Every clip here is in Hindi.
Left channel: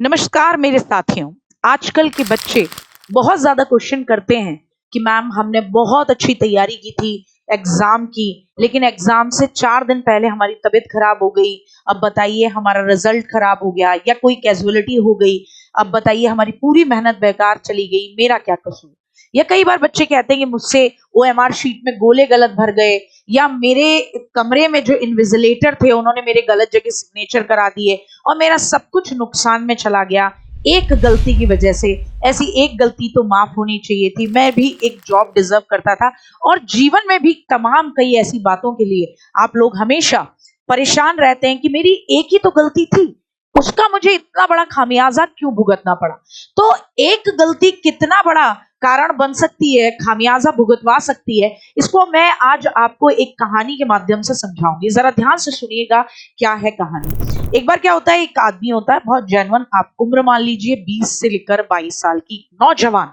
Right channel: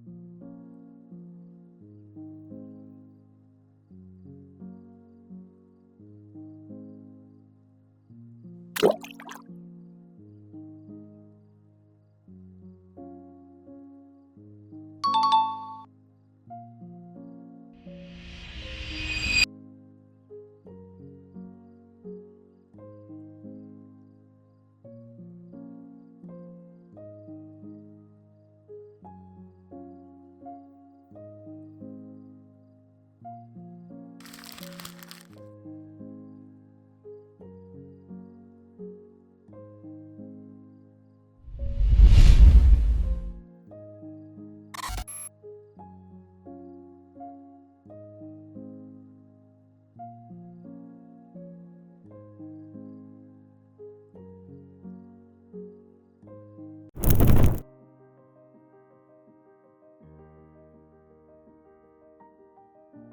नमस्कार मेरे साथियों। आजकल के बच्चे बहुत ज्यादा क्वेश्चन करते हैं कि मैम हमने बहुत अच्छी तैयारी की थी एग्जाम की, लेकिन एग्जाम से 4 दिन पहले हमारी तबीयत खराब हो गई। अब बताइए हमारा रिजल्ट खराब हो गया या कोई कैजुअलिटी हो गई। अब बताइए हमारी पूरी मेहनत बेकार चली गई, मेरा क्या कसूर। या कई बार बच्चे कहते हैं कि मुझसे OMR शीट में गोले गलत भर गए, या मेरे कमरे में जो इन्विजिलेटर थे उन्होंने मेरे गलत जगह सिग्नेचर करा दिए और मेरा सब कुछ नुकसान में चला गया एक गलती की वजह से। ऐसी एक गलती तो माफ होनी चाहिए थी। मैं भी एक जॉब डिजर्व करता था। और जीवन में भी तमाम कई ऐसी बातों के लिए आप लोग हमेशा परेशान रहते हैं कि मेरी एक ही तो गलती थी, उसका मुझे इतना बड़ा खामियाजा क्यों भुगतना पड़ा। तो एक गलती कितना बड़ा कारण बन सकती है, खामियाजा भुगतवा सकती है, इसको मैं आज आपको एक कहानी के माध्यम से समझाऊंगी। जरा ध्यान से सुनिएगा क्या है कहानी। एक बार क्या होता है, एक आदमी होता है बहुत जेन्युइन, आप उम्र मान लीजिए 20 से लेकर 22 साल की नौजवान।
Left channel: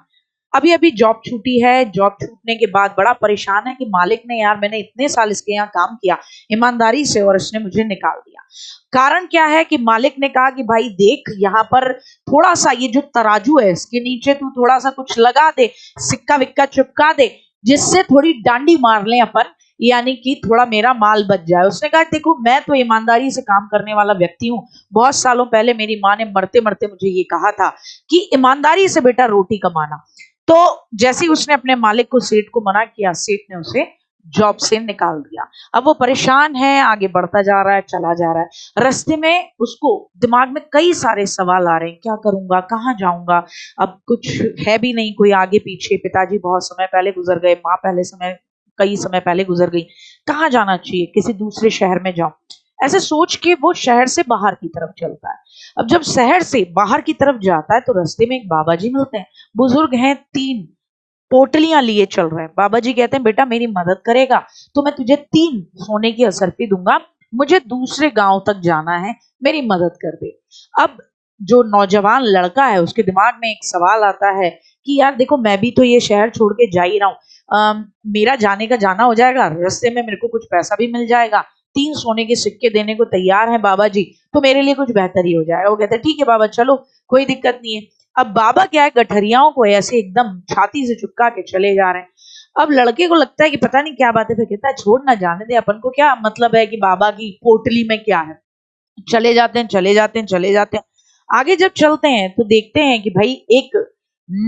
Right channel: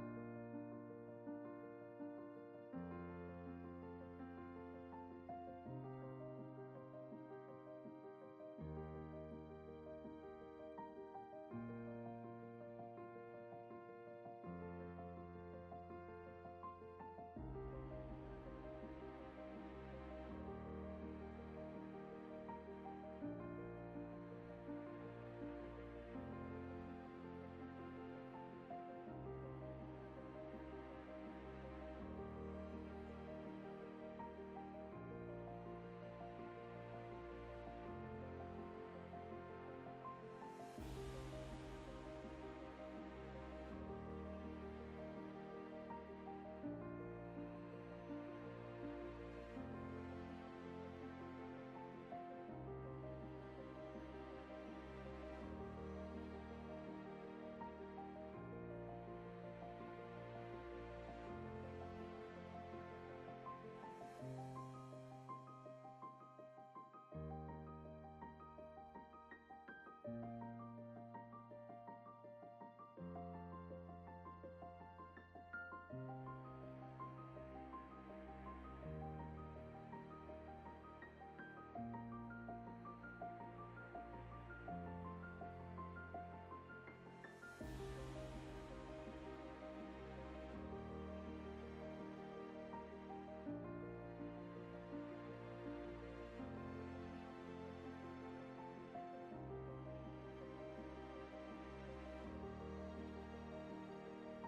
अभी अभी जॉब छूटी है। जॉब छूटने के बाद बड़ा परेशान है कि मालिक ने, यार मैंने इतने साल इसके यहाँ काम किया ईमानदारी से और इसने मुझे निकाल दिया। कारण क्या है कि मालिक ने कहा कि भाई देख, यहाँ पर थोड़ा सा ये जो तराजू है इसके नीचे तू थोड़ा सा कुछ लगा दे, सिक्का विक्का चिपका दे, जिससे थोड़ी डांडी मार लें अपन, यानी कि थोड़ा मेरा माल बच जाए। उसने कहा देखो मैं तो ईमानदारी से काम करने वाला व्यक्ति हूँ। बहुत सालों पहले मेरी माँ ने मरते मरते मुझे ये कहा था कि ईमानदारी से बेटा रोटी कमाना। तो जैसे ही उसने अपने मालिक को, सेठ को मना किया, सेठ ने उसे जॉब से निकाल दिया। अब वो परेशान है, आगे बढ़ता जा रहा है, चला जा रहा है। रास्ते में उसको दिमाग में कई सारे सवाल आ रहे हैं, क्या करूंगा, कहाँ जाऊंगा, अब कुछ है भी नहीं कोई आगे पीछे। पिताजी बहुत समय पहले गुजर गए, माँ कई समय पहले गुजर गई, कहाँ जाना चाहिए, किसी दूसरे शहर में जाऊं। ऐसे सोच के वो शहर से बाहर की तरफ चलता है। अब जब शहर से बाहर की तरफ जाता है तो रास्ते में एक बाबा जी मिलते हैं। बुजुर्ग हैं, 3 पोटलियां लिए चल रहे हैं। बाबा जी कहते हैं बेटा मेरी मदद करेगा तो मैं तुझे 3 सोने की असरफी दूंगा, मुझे दूसरे गांव तक जाना है, मेरी मदद कर दे। अब जो नौजवान लड़का है उसके दिमाग में एक सवाल आता है कि यार देखो मैं भी तो ये शहर छोड़ के जा ही रहा हूँ, मेरा जाने का जाना हो जाएगा, रास्ते में मेरे को कुछ पैसा भी मिल जाएगा, 3 सोने के सिक्के देने को तैयार हैं बाबा जी, तो मेरे लिए कुछ बेहतर ही हो जाएगा। वो कहते हैं ठीक है बाबा चलो, कोई दिक्कत नहीं है। अब बाबा क्या है, गठरियाओं को ऐसे एकदम छाती से चिपका के चले जा रहे हैं। अब लड़के को लगता है कि पता नहीं क्या बात है, फिर कहता है छोड़ ना, जाने दे, अपन को क्या मतलब है कि बाबा की पोटली में क्या है। चले जाते हैं, चले जाते हैं, चले जाते हैं। आगे जब चलते हैं तो देखते हैं कि भाई एक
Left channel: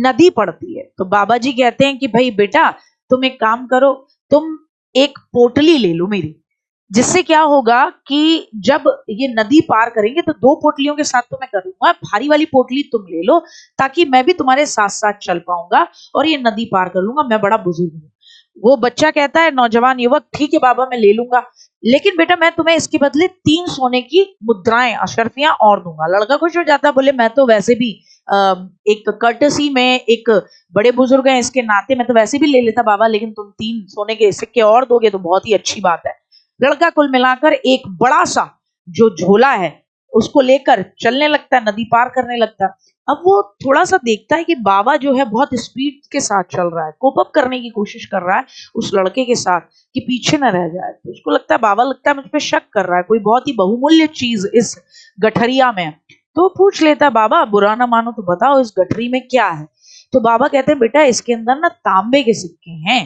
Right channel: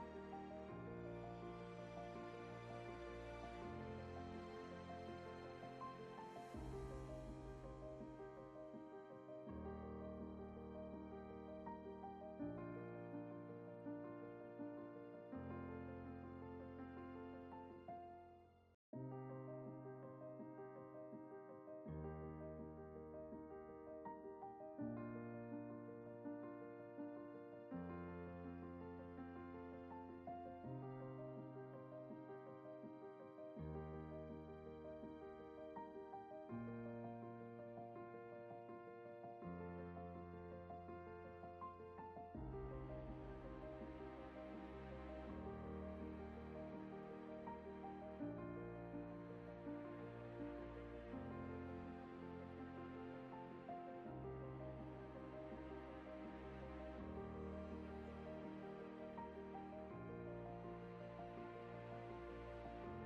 नदी पड़ती है। तो बाबा जी कहते हैं कि भाई बेटा तुम एक काम करो, तुम एक पोटली ले लो मेरी, जिससे क्या होगा कि जब ये नदी पार करेंगे तो 2 पोटलियों के साथ तो मैं करूंगा, भारी वाली पोटली तुम ले लो ताकि मैं भी तुम्हारे साथ साथ चल पाऊंगा और ये नदी पार कर लूंगा, मैं बड़ा बुजुर्ग हूँ। वो बच्चा कहता है, नौजवान युवक, ठीक है बाबा मैं ले लूंगा, लेकिन बेटा मैं तुम्हें इसके बदले 3 सोने की मुद्राएं, अशर्फियां और दूंगा। लड़का खुश हो जाता है, बोले मैं तो वैसे भी एक कर्टसी में, एक बड़े बुजुर्ग हैं इसके नाते मैं तो वैसे भी ले लेता बाबा, लेकिन तुम 3 सोने के सिक्के और दोगे तो बहुत ही अच्छी बात है। लड़का कुल मिलाकर एक बड़ा सा जो झोला है उसको लेकर चलने लगता है, नदी पार करने लगता है। अब वो थोड़ा सा देखता है कि बाबा जो है बहुत स्पीड के साथ चल रहा है, कोप अप करने की कोशिश कर रहा है उस लड़के के साथ कि पीछे न रह जाए। तो उसको लगता है, बाबा लगता है मुझ पे शक कर रहा है, कोई बहुत ही बहुमूल्य चीज इस गठरिया में। तो पूछ लेता है, बाबा बुरा ना मानो तो बताओ इस गठरी में क्या है। तो बाबा कहते हैं बेटा इसके अंदर ना तांबे के सिक्के हैं।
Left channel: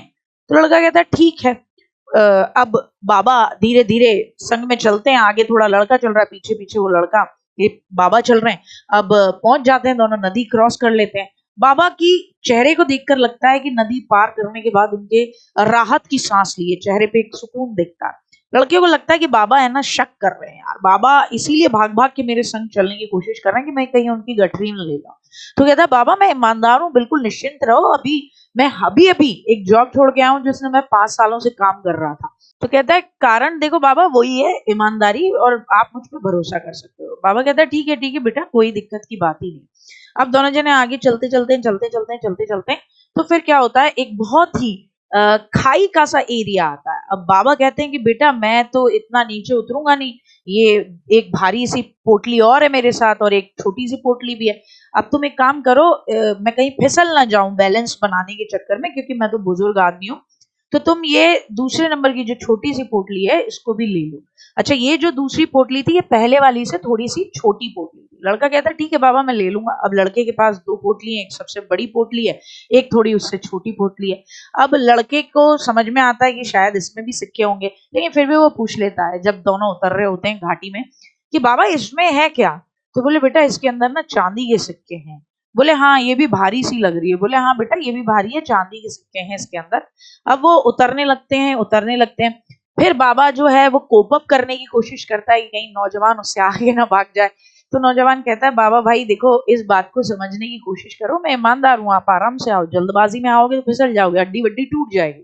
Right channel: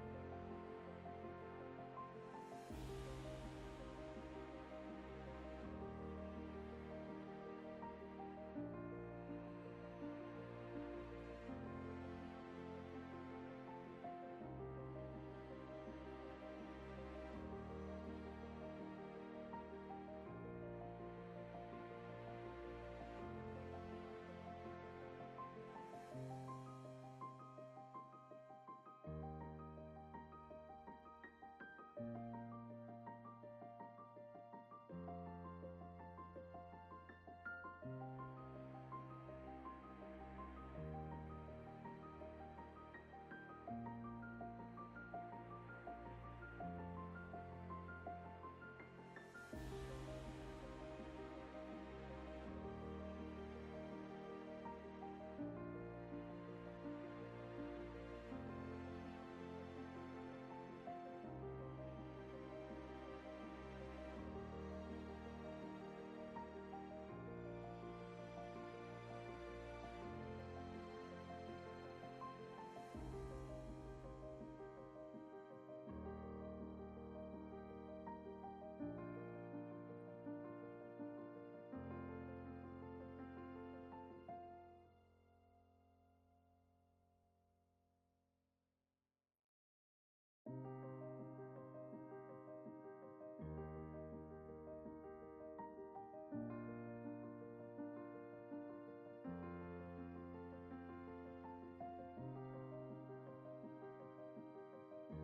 तो लड़का कहता है ठीक है। अब बाबा धीरे धीरे संग में चलते हैं, आगे थोड़ा लड़का चल रहा है, पीछे पीछे वो लड़का, ये बाबा चल रहे हैं। अब पहुंच जाते हैं, दोनों नदी क्रॉस कर लेते हैं। बाबा की चेहरे को देखकर लगता है कि नदी पार करने के बाद उनके राहत की सांस लिए, चेहरे पे एक सुकून दिखता है। लड़के को लगता है कि बाबा है ना शक कर रहे हैं, यार बाबा इसीलिए भाग भाग के मेरे संग चलने की कोशिश कर रहे हैं कि मैं कहीं उनकी गठरी न ले जाऊं। तो कहता है बाबा मैं ईमानदार हूँ, बिल्कुल निश्चिंत रहो, मैं अभी अभी एक जॉब छोड़ के आया हूँ जिसमें मैं 5 सालों से काम कर रहा था। तो कहता है कारण देखो बाबा वही है ईमानदारी, और आप मुझ पर भरोसा कर सकते हो। बाबा कहता है ठीक है बेटा, कोई दिक्कत की बात ही नहीं। अब दोनों जने आगे चलते चलते तो फिर क्या होता है, एक बहुत ही खाई का सा एरिया आता है। अब बाबा कहते हैं कि बेटा मैं तो इतना नीचे उतरूंगा नहीं, ये एक भारी सी पोटली और है मेरे साथ और एक छोटी सी पोटली भी है। अब तुम एक काम करो, मैं कहीं फिसल ना जाऊं बैलेंस बनाने के चक्कर में, क्योंकि मैं तो बुजुर्ग आदमी हूँ, तो तुम ये दूसरे नंबर की जो छोटी सी पोटली है इसको भी ले लो। अच्छा, ये जो दूसरी पोटली थी ये पहले वाली से थोड़ी सी छोटी पोटली थी, लड़का कहता है ठीक है बाबा मैं ले लूंगा। अब लड़के के पास 2 पोटली है, एक सबसे बड़ी पोटली है, एक थोड़ी उससे छोटी पोटली है। अब लड़के को समझ में आता है कि शायद इसमें भी सिक्के होंगे, लेकिन फिर भी वो पूछ लेता है जब दोनों उतर रहे होते हैं घाटी में कि बाबा इसमें है क्या? तो बोले बेटा इसके अंदर ना चांदी के सिक्के हैं। बोले हाँ ये भी भारी सी लग रही है। बोले हाँ बेटा ये भी भारी है, चांदी के सिक्के हैं इसके अंदर। अब वो उतरने लगते हैं। फिर बाबा जो है वो कोप अप करने की कोशिश करता है कि कहीं नौजवान उससे आगे ना भाग जाए। तो नौजवान कहता है बाबा भाई देखो इस बात को समझने की कोशिश करो, मैं ईमानदार हूँ, आप आराम से आओ, जल्दबाजी में आओगे तो फिसल जाओगे, हड्डी वड्डी टूट जाएगी।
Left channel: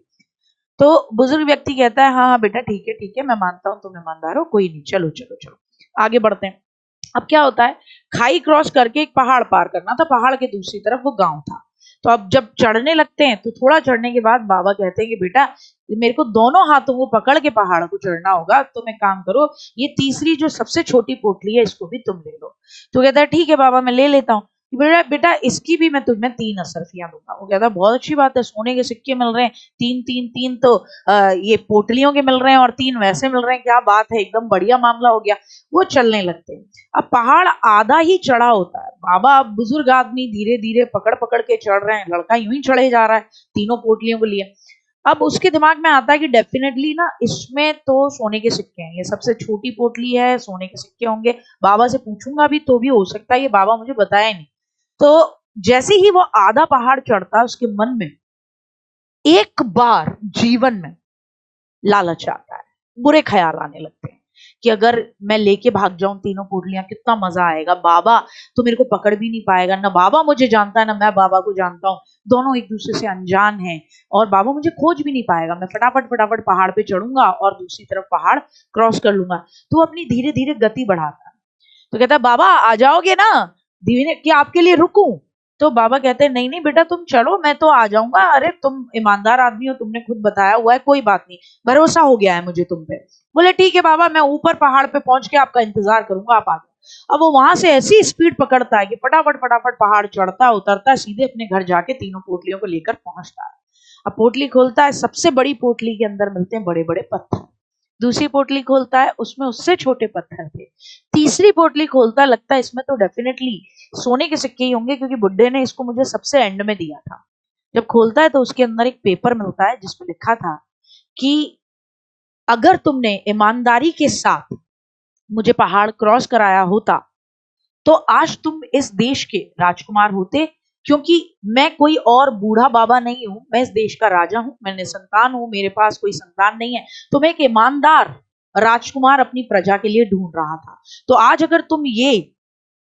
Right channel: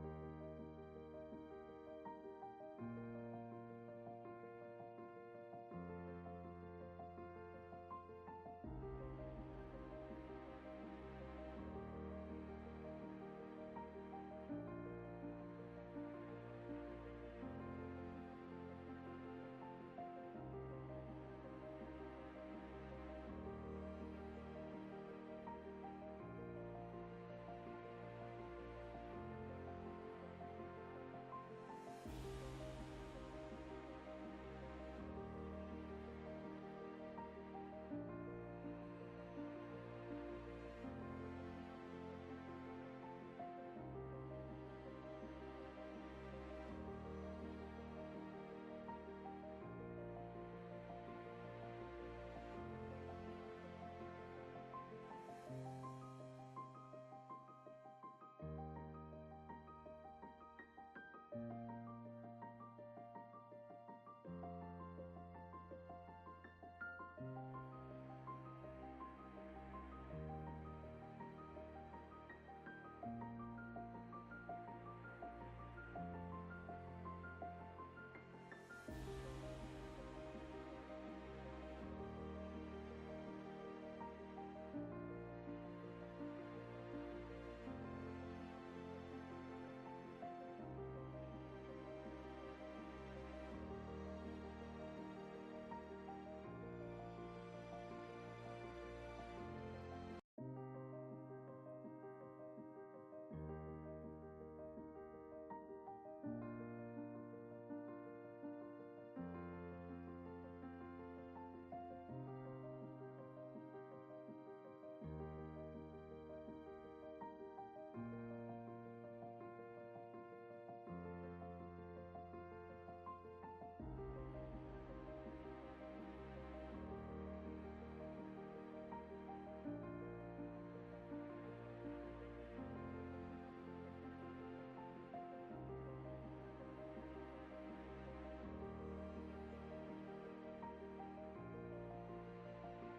तो बुजुर्ग व्यक्ति कहता है हाँ हाँ बेटा ठीक है मैं मानता हूँ तुम ईमानदार हो, कोई नहीं, चलो चलो चलो आगे बढ़ते हैं। अब क्या होता है, खाई क्रॉस करके एक पहाड़ पार करना था, पहाड़ के दूसरी तरफ वो गांव था। तो अब जब चढ़ने लगते हैं तो थोड़ा चढ़ने के बाद बाबा कहते हैं कि बेटा मेरे को दोनों हाथों को पकड़ के पहाड़ को चढ़ना होगा, तुम एक काम करो ये तीसरी जो सबसे छोटी पोटली है इसको भी तुम ले लो। तो कहता है ठीक है बाबा मैं ले लेता हूँ। बेटा बेटा इसकी भी मैं तुम्हें 3 असरफियां दूंगा। वो कहता है बहुत अच्छी बात है, सोने के सिक्के मिल रहे हैं, 3 तो ये पोटलियों के मिल रहे हैं और 3 वैसे मिल रहे हैं, क्या बात है, एकदम बढ़िया मामला हो गया। वो चलने लगते हैं। अब पहाड़ आधा ही चढ़ा होता है, बाबा अब बुजुर्ग आदमी धीरे धीरे पकड़ पकड़ के चढ़ रहे हैं, लड़का यूं ही चढ़े जा रहा है तीनों पोटलियों को लिए। अब उसके दिमाग में आता है कि डेफिनेटली ना इसमें तो सोने के सिक्के हैं, ये सबसे छोटी पोटली है, सोने के सिक्के होंगे, बाबा से पूछूंगा भी तो भी हो सकता है ये बाबा मुझे बताया नहीं। तो जैसे ही वो आधा पहाड़ चढ़ता है उसके मन में एक बार जीवन में लालच आता है, बुरे ख्याल आने लगते हैं कि अगर मैं लेके भाग जाऊं तीनों पोटलियां कितना मजा आएगा, बाबा तो मेरे को पकड़ भी नहीं पाएगा, ना बाबा मुझे जानता है ना मैं बाबा को जानता हूँ, दोनों एक दूसरे से अनजान हैं और बाबा मुझे खोज भी नहीं पाएगा, मैं फटाफट फटाफट पहाड़ पे चढ़ूंगा और दूसरी तरफ पहाड़ क्रॉस कर लूंगा। तो अपनी धीरे धीरे गति बढ़ाता है। तो कहता है बाबा आ जाओगे ना, धीरे क्या आपके लिए रुकूं? तो बाबा कहते हैं नहीं नहीं बेटा तुम चलो, मैं तो आ जाऊंगा, अरे तुम ईमानदार आदमी हो, तुमने खुद बताया हुआ है, कोई बात नहीं, भरोसा हो गया है मुझे तुम पे। बोले ठीक है बाबा मैं ऊपर पहाड़ पे पहुंच के आपका इंतजार करूंगा, आप आगे। अब वो वहां से ऐसी स्पीड पकड़ता है कि फटाफट फटाफट पहाड़ चढ़ता उतरता सीधे अपने घर जाके तीनों पोटलियों को लेकर पहुंचता है। अब पोटली खोलता है, सबसे बड़ी पोटली के अंदर मिलते हैं बड़े बड़े पत्थर। दूसरी पोटली खोलता है, उसमें उससे छोटे पत्थर थे। तीसरी पोटली खोलता है, लगता है इसमें तो डेफिनेटली सोने के सिक्के ही होंगे क्योंकि बुड्ढे ने इसको मुझे सबसे एंड में दिया था। जब खोलता है तो उसके अंदर एक पेपर मिलता है जिसमें लिखा था कि अगर तुमने ईमानदारी के साथ मुझे पहाड़ क्रॉस कराया होता तो आज तुम इस देश के राजकुमार होते, क्योंकि मैं कोई और बूढ़ा बाबा नहीं हूं, मैं इस देश का राजा हूं, मैं निसंतान हूं, मेरे पास कोई संतान नहीं है, तो मैं एक ईमानदार राजकुमार अपनी प्रजा के लिए ढूंढ रहा था। तो आज अगर तुम ये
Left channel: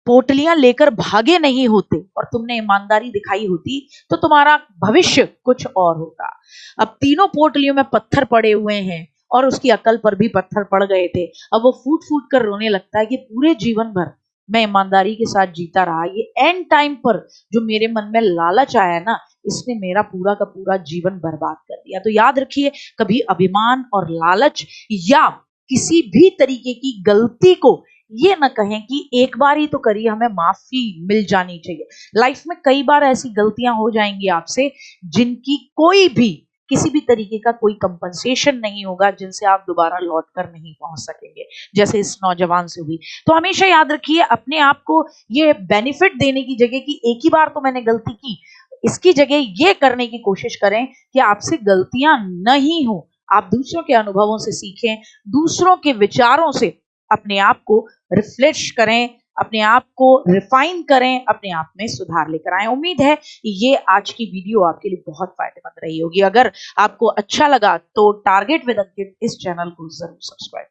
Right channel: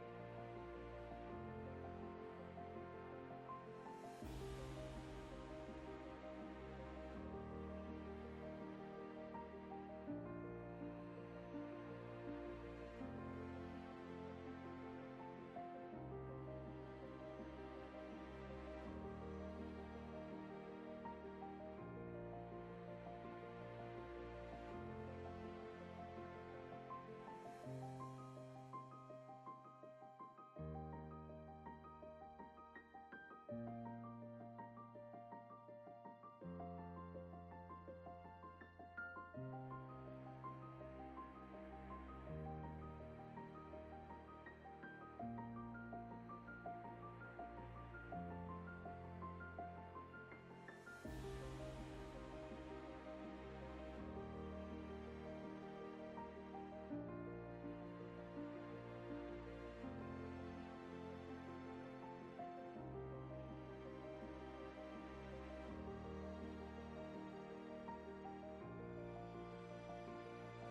पोटलियां लेकर भागे नहीं होते और तुमने ईमानदारी दिखाई होती तो तुम्हारा भविष्य कुछ और होता। अब तीनों पोटलियों में पत्थर पड़े हुए हैं और उसकी अकल पर भी पत्थर पड़ गए थे। अब वो फूट फूट कर रोने लगता है कि पूरे जीवन भर मैं ईमानदारी के साथ जीता रहा, ये एंड टाइम पर जो मेरे मन में लालच आया ना, इसने मेरा पूरा का पूरा जीवन बर्बाद कर दिया। तो याद रखिए कभी अभिमान और लालच या किसी भी तरीके की गलती को ये ना कहें कि एक बार ही तो करिए, हमें माफी मिल जानी चाहिए। लाइफ में कई बार ऐसी गलतियां हो जाएंगी आपसे जिनकी कोई भी किसी भी तरीके का कोई कंपनसेशन नहीं होगा, जिनसे आप दोबारा लौट कर नहीं पहुंच सकेंगे, जैसे इस नौजवान से हुई। तो हमेशा याद रखिए अपने आप को ये बेनिफिट देने की जगह कि एक ही बार तो मैंने गलती की, इसकी जगह ये करने की कोशिश करें कि आपसे गलतियां नहीं हो, आप दूसरों के अनुभवों से सीखें, दूसरों के विचारों से अपने आप को रिफ्रेश करें, अपने आप को रिफाइन करें, अपने आप में सुधार लेकर आए। उम्मीद है ये आज की वीडियो आपके लिए बहुत फायदेमंद रही होगी। अगर आपको अच्छा लगा तो टारगेट विद अंकित इस चैनल को जरूर सब्सक्राइब करें।